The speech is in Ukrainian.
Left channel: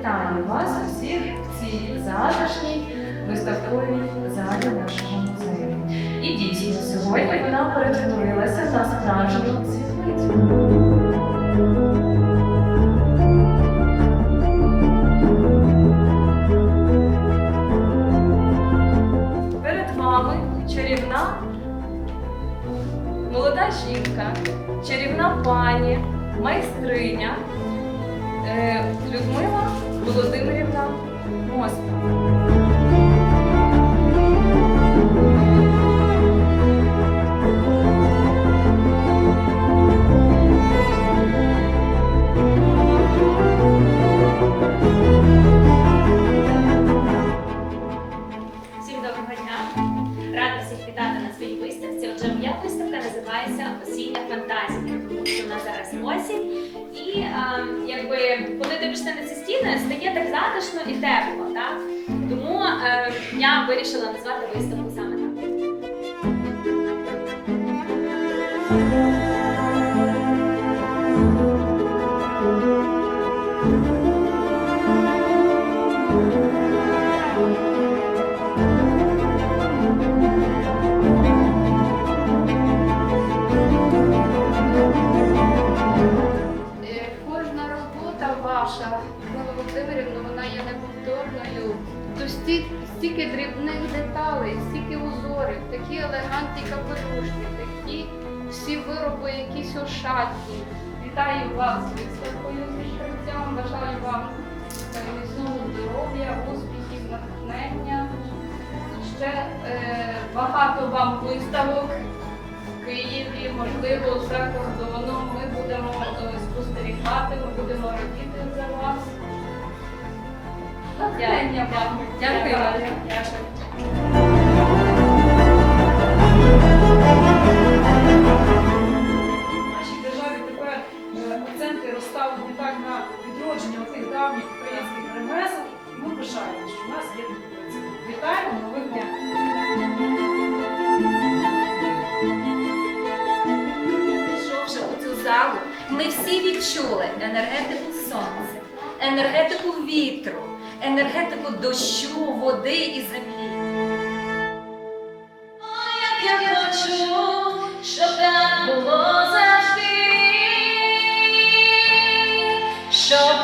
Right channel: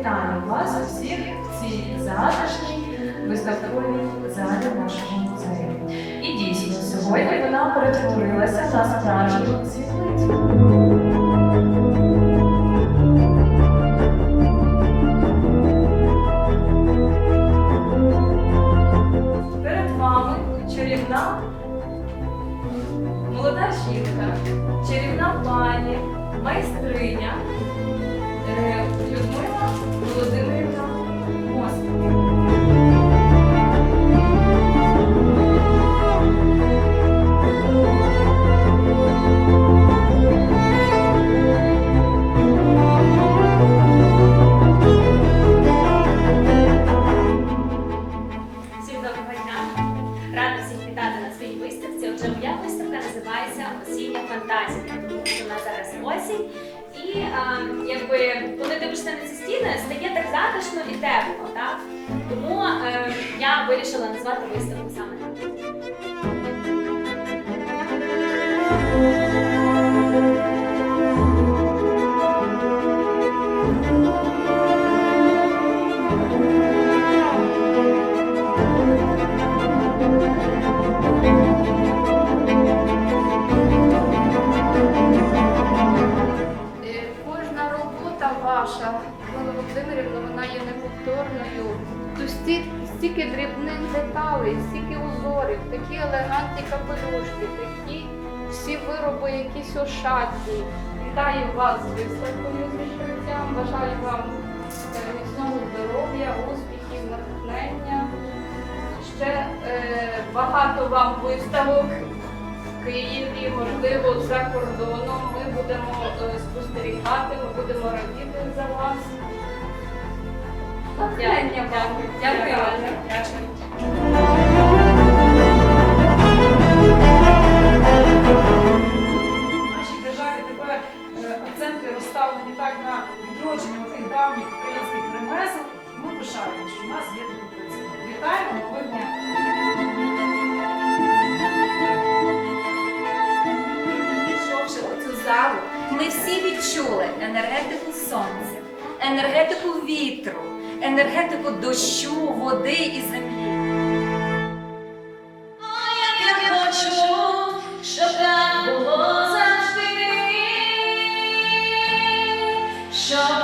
вітаю вас усіх в цій затишній виставковій залі нашого музею. І дійсно, сьогодні вона перетворилася на справжню світлицю. Молода жінка, чарівна пані, майстриня е, Людмила Gracias. Pues називається осіння фантазія, тому що вона зараз осінь. І а, якби коли дивишся на ці стіни, стає так затишно і тепло. Так? Тому е, я вирішила назвати виставку саме так. Мила Володимирівна, вона є неповторною. Тут стільки дрібних деталей, стільки узорів, такі елегантні капелюшки, такі всі вироби, якісь ошатні. Вітаю вас з високою відкриттям. Бажаю вам міцного здоров'я, успіхів, натхнення. Ще е, багато вам виставок в Києві, можливо, за кордоном. Ми будемо. Е, своєї ми будемо радіти за вас. Дякую. Дякую. ми всі відчули енергетику сонця, енергетику вітру, енергетику дощу, води і землі. Show.